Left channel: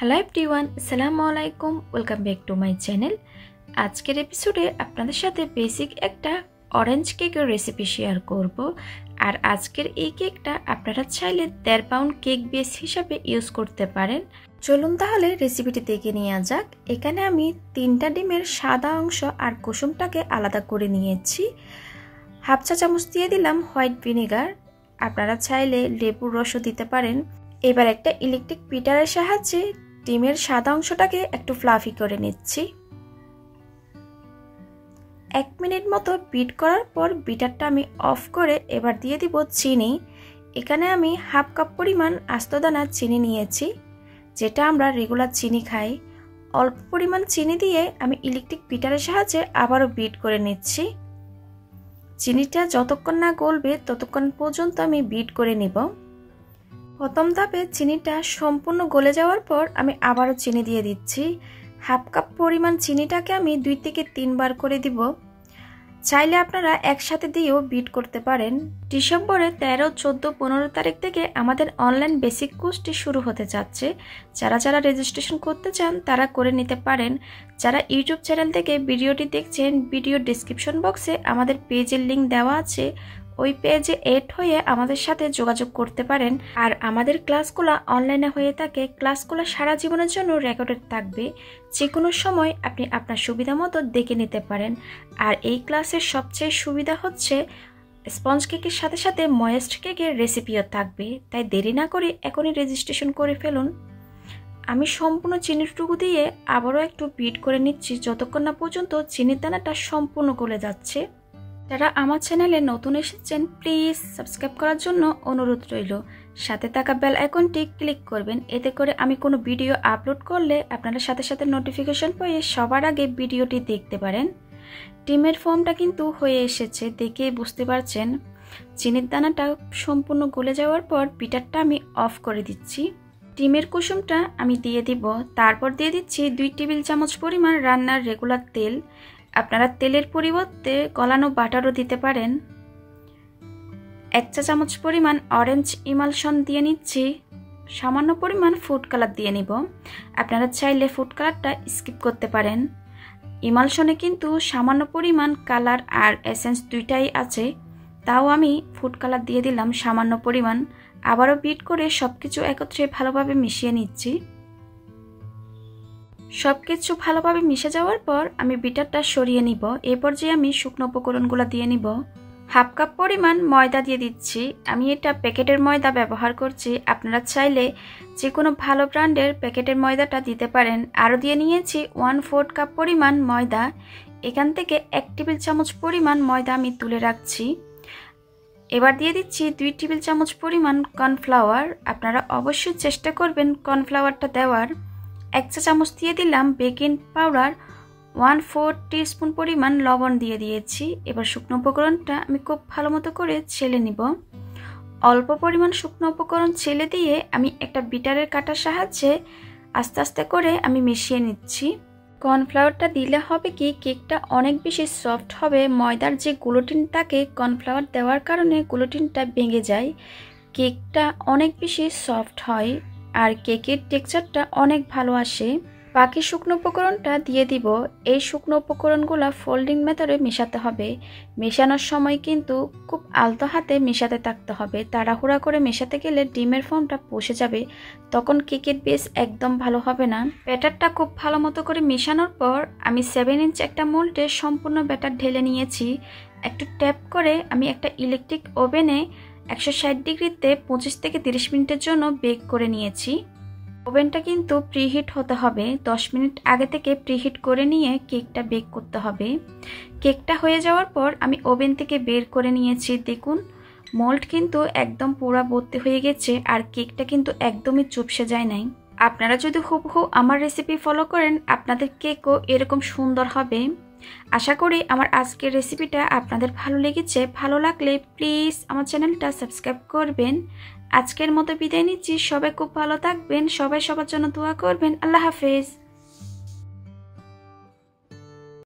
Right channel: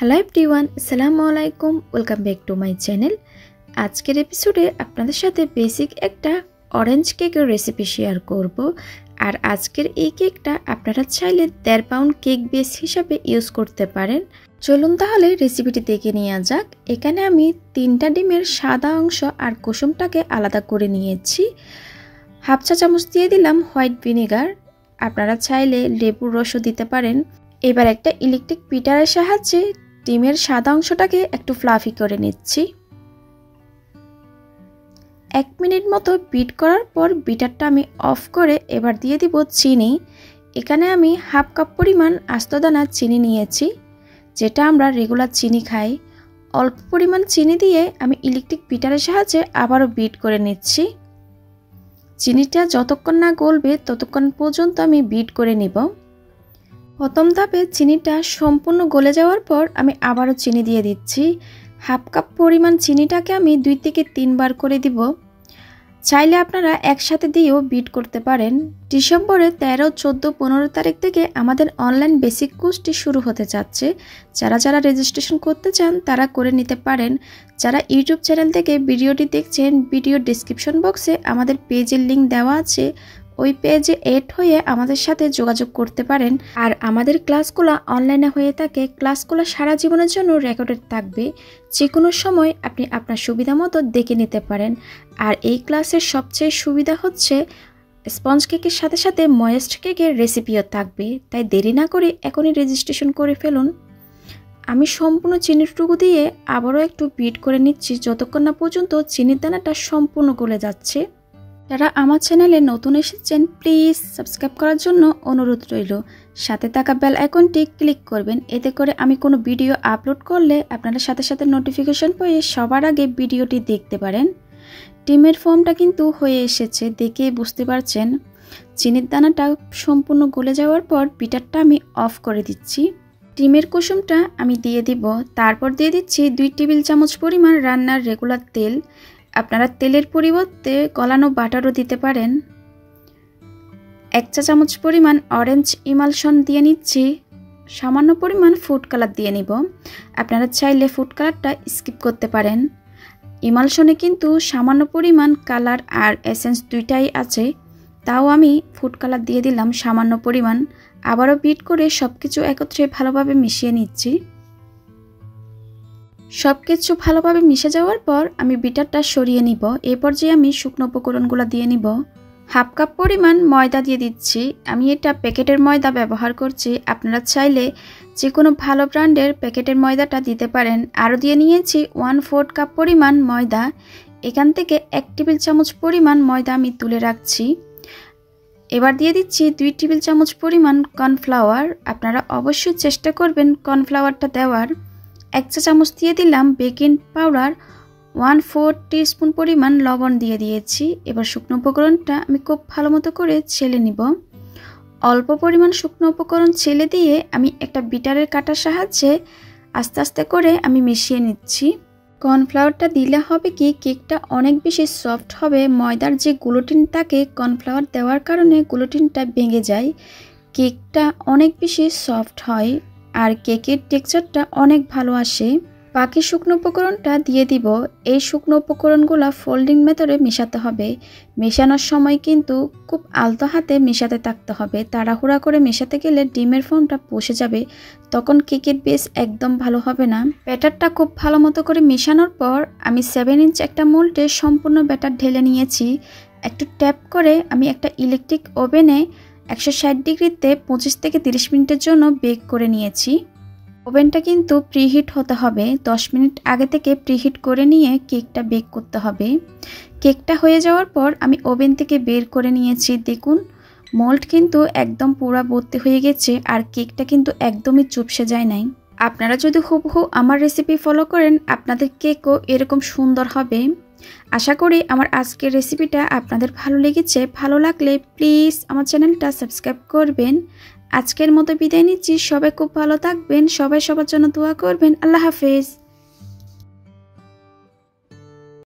Hello everyone, আসসালামু আলাইকুম। Welcome back to my channel. আজকের এপিসোডে আপনাদের সাথে বেসিক একটা অরেঞ্জ কেকের রেসিপি শেয়ার করব। আর আজকের এই কেকটা আপনারা চাইলে 1.5 পাউন্ড কেক বেস হিসাবে ইউজ করতে পারেন। চলুন তাহলে রেসিপিটি দেখে নেওয়া যাক। এখানে আমি 3টা ডিমের সাদা অংশ আর কুসুমটাকে আলাদা করে নিয়েছি। হাফ চা চামচ দিয়ে দিলাম হোয়াইট ভিনেগার, আপনারা চাইলে লেবুর রসও দিতে পারেন। এবার একটা ইলেকট্রিক বিটারের সাহায্যে ডিমের সাদা অংশটাকে একটু ফ্লাফি করে নিচ্ছি। 1 মিনিট মতো বিট করার পর বিটারটা আমি অফ করে এবার দিয়ে দিব চিনি। এখানে আমি হাফ কাপ পরিমাণ আস্ত দানা চিনি নিয়েছি, যেটা আমরা রেগুলার চিনি খাই। অল্প পরিমাণ চিনি দিয়ে আমি ইলেকট্রিক বিটারের সাহায্যে আবারও বিট করে নিচ্ছি। চিনিটা যতক্ষণ না গলবে ততক্ষণ পর্যন্ত আমি বিট করে নিব। প্রথম ধাপে চিনিটা সম্পূর্ণ গলে যাওয়ার পর আমি আবারও চিনি দিয়ে দিচ্ছি। হাফ কাপ পরিমাণ চিনিটাকে আমি 2 থেকে 3 বার করে দিব। চাইলে আপনারা একসাথে দিয়েও বিট করতে পারেন। ডিসেম্বরের 13, 14, 15 তারিখ থেকে আমাদের অনলাইন বেসিক কোর্সটি শুরু হতে যাচ্ছে। যারা রেজিস্ট্রেশন করতে চান তারা করে নিতে পারেন। যারা ইউটিউব চ্যানেল থেকে ভিডিওটি দেখছেন, ভিডিও ডেসক্রিপশন বক্সে আমাদের পেজের লিঙ্ক দেওয়া আছে। ওই পেজে এড হয়ে আমাদের সাথে যোগাযোগ করতে পারেন। আর আমাদের ক্লাসগুলো অনলাইনে হয়ে থাকে। ক্লাসগুলো সারা জীবনের জন্য রেকর্ডেড থাকবে। যে কোনো সময় আপনি আপনার সুবিধা মতো দেখে নিতে পারেন। আর এই ক্লাসের সবচেয়ে সুবিধা হচ্ছে স্পঞ্জ কেকের সাথে সাথে ময়েস্ট কেকের রেসিপিও থাকবে। তাই দেরি না করে এখনই রেজিস্ট্রেশন করে ফেলুন। আমি সম্পূর্ণ চিনির টুকু দিয়ে আবারও একটু বিট করে নিচ্ছি যতক্ষণ না পর্যন্ত চিনির দানাটা সম্পূর্ণ গলে যাচ্ছে। যারা আমার চ্যানেলে নতুন এসেছেন প্লিজ সাবস্ক্রাইব করার জন্য অনুরোধ রইল। সাথে থাকা বেল আইকনটি ক্লিক করবেন, এতে করে আমি কোনো ভিডিও আপলোড করলে আপনারা সাথে সাথে নোটিফিকেশন পেয়ে সবার আগে ভিডিওটি দেখতে পারেন। ডিমের ফর্মটা কিন্তু হয়ে এসেছে, দেখে বুঝতে পারছেন। চিনির দানাটা সম্পূর্ণ গলে যাওয়ার পর বিটারটা আমি অফ করে দিচ্ছি। ডিমের কুসুমটা আমি দিয়ে দিব। তারপর দিয়ে দিচ্ছি 2 টেবিল চামচ পরিমাণ রান্নার রেগুলার তেল। আপনারা তেলের পরিবর্তে গলানো বাটারও দিতে পারেন। 1 চা চামচ পরিমাণ অরেঞ্জ ইমালশন দিয়ে নিচ্ছি। সামান্য পরিমাণ ফুড কালার দিয়ে নিব। আপনারা চাইলে ফুড কালারটা স্কিপ করতে পারেন। ইমালশনে কিন্তু সামান্য পরিমাণ কালার আর এসেন্স দুইটাই আছে, তাও আমি ফুড কালার দিয়ে দিলাম সামান্য পরিমাণ। আবারও বিট করে সবকিছু একত্রে ভালোভাবে মিশিয়ে নিচ্ছি। সবকিছু ভালোভাবে মিশে যাওয়ার পর আমি বিটারটা সরিয়ে নিব। এই পর্যায়ে আমি শুকনো উপকরণগুলো দিয়ে নিব। হাফ কাপ পরিমাণ ময়দা দিয়ে দিচ্ছি। আমি এটা প্যাকেটের ময়দা ব্যবহার করছি, আপনারা চাইলে যে কোনো ভালো ব্র্যান্ডের প্যাকেটের ময়দাটা দিতে পারেন। আরও দিয়ে নিয়েছি 1/4 কাপ পরিমাণ ময়দা। এখান থেকে 1 টেবিল চামচ পরিমাণ ময়দা আমি তুলে রাখছি। এবার দিয়ে দিচ্ছি 2 টেবিল চামচ পরিমাণ কর্নফ্লাওয়ার। আপনারা অবশ্যই চেষ্টা করবেন কর্নফ্লাওয়ারটা দেওয়ার। 1 চা চামচ দিয়ে দিলাম বেকিং পাউডার। 1/4 টিস্পুন পরিমাণ লবণ দিয়ে দিয়েছি। এবার শুকনো উপকরণটা আমি খুব ভালো মতো করে ছেলে নিব। অল্প পরিমাণ শুকনো উপকরণ ছেলে দিয়ে আমি একটা বিটারের কাটার সাহায্যে আস্তে আস্তে করে আমি মিশিয়ে নিচ্ছি। কর্নফ্লাওয়ারটা দিলে হবে কি, কেকটা অনেক বেশি সফট হবে। ময়দার যে গ্লুটেন থাকে কর্নফ্লাওয়ার দেওয়ার কারণে গ্লুটেনটা ভেঙে যায়, কেকটা অনেক বেশি সফট হয় আর কেকের টেক্সচারটা অনেক ভালো আসে। বাকি শুকনো উপকরণটা দিয়ে দিব। এই শুকনো উপকরণগুলো ফোল্ডিং মেথডে মেশাতে হবে। মেশানোর সময় কিন্তু খুব আলতো হাতে মেশাতে থাকতে হবে। তাড়াহুড়া করে মেশাতে গেলে ডিমের ফর্মটা বসে যাবে, তখন কেকের বেস একদম ভালো হবে না। ব্যাটারটা খুব ভালো মতো করে মেশানোর পর আমি 7 ইঞ্চ একটা মোল্ডে সম্পূর্ণ ব্যাটার ঢেলে নিয়েছি। একটু ট্যাপ করে আমি একটা ইলেকট্রিক ওভেনে 160 ডিগ্রিতে 25 থেকে 30 মিনিটের জন্য বেক করে নিয়েছি। ওভেনটা কিন্তু প্রিহিট হতে হবে। 10 মিনিট আগে থেকে প্রিহিট করে নিয়ে কেকটা বেক করতে হবে। কেকটা হয়ে যাওয়ার পর আমি ওভেন থেকে বের করে নিয়েছি। দেখুন মোল্ড কিন্তু একদম পুরো ভর্তি হয়ে গেছে আর কেকটা কিন্তু একদমই চুপসে যায় নাই। আপনারা যদি হুবহু আমার রেসিপি ফলো করেন আপনাদের কেকও এরকম সুন্দর হবে। আশা করি আমার আজকের রেসিপিটা আপনাদের ভালো লেগেছে। ভালো লাগলে প্লিজ আমার চ্যানেলটা সাবস্ক্রাইব করবেন। আজকের মতো বিদায় নিচ্ছি। সবাই খুব ভালো থাকবেন, সবাই সবার জন্য দোয়া করবেন। আল্লাহ হাফেজ।